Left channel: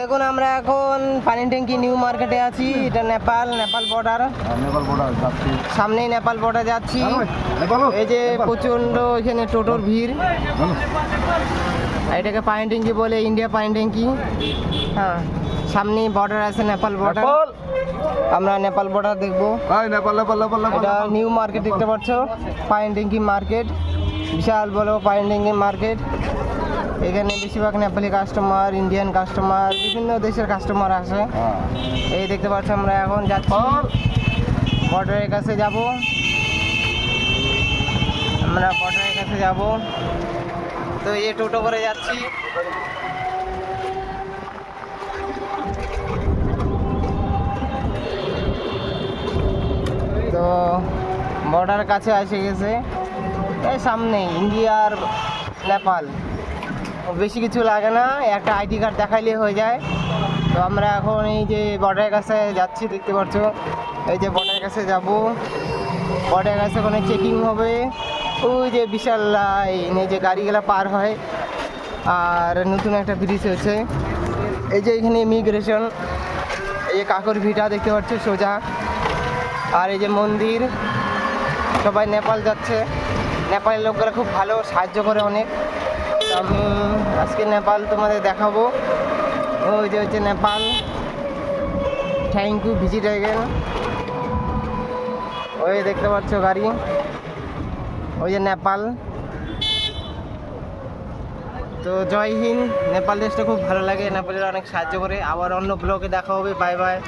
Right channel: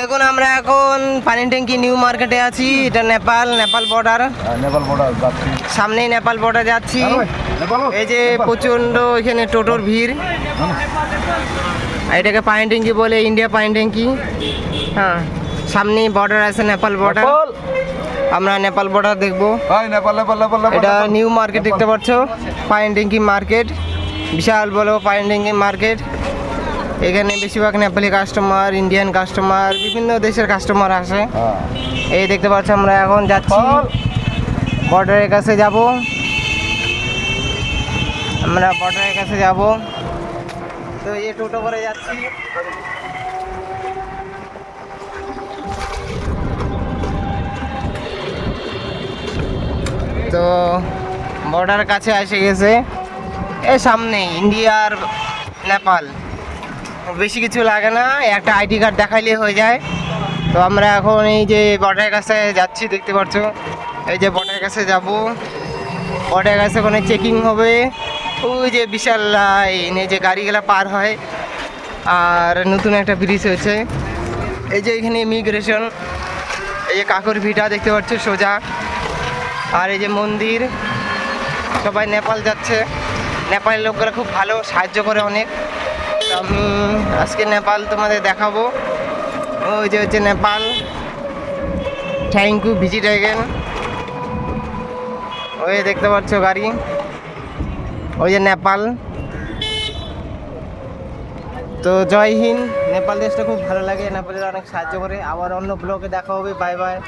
দেখুন আমরা এখন পানি ট্যাঙ্কি নিউ মার্কেটে আছি। এটা নেপাল নেপাল বর্ডার নেপাল বর্ডার যাচ্ছি। সামনেই নেপাল বর্ডার যাচ্ছি। নেপাল। এই যে প্রচণ্ড এখানে টোটোর ভিড়। এটাকে পানি ট্যাঙ্কি বলে ইন্ডিয়া পানি ট্যাঙ্কি। হ্যাঁ সামনেই বর্ডার আছে নেপাল বর্ডার আমরা নেপাল বর্ডার দেখব। এটা নিউ মার্কেট দেখতে পাচ্ছ পাইন ট্যাঙ্কি মার্কেট। বিশাল বড় পাইন ট্যাঙ্কি মার্কেট। এখানে বেশিরভাগ নেপালি কাস্টমার ইন্ডিয়ান কাস্টমার বিভিন্ন দেশের কাস্টমার আসে। হ্যাঁ। এই দেখতে পাচ্ছি আমরা এখন যাচ্ছি। বর্ডারের কাছে যাব। আমরা বর্ডারের কাছে যাব। তো এই টোটো করে যাচ্ছি। তো বর্ডার কাছে এসে গেছে। এ সামনে ইন্ডিয়ার নেপাল। বেশি কিছু লাগে না, একটা আইডি কার্ড দেখাইলে হয়ে যায়। তো আমরা এখন এই যে বর্ডারের কাছে যাচ্ছি, দেখতে পাচ্ছ? এই যে বর্ডারের কাছে যাব। বর্ডারের কাছে ওখানে চেকিং হবে। ওই যে বিশাল লাইন এই যে গাড়িগুলো পার হয়। আর নতুন একটা ব্রিজ হয়েছে। এই যে এখানে ইমিগ্রেশন এই যে কাকুর ভিটা দেখতে পাচ্ছ, সোজা। আর এই যে মন্দির, সবাই নেপাল যাচ্ছে। নেপালের লোকগুলো খুব ভালো, সাহায্য করে অনেক। আমি আজকে নেপাল তোমাদের দেখাবো। ওই যে হচ্ছে Nepal. Thank you visit again ওই দেখতে পাচ্ছ গাড়ি। ওই যে নেপাল। তো জয় হিন্দ, নেপাল দেশটা খুব ভালো লাগে। নেপালের অনেক সাহায্য করে। আবার অন্য ব্লগে দেখা হবে। Bye bye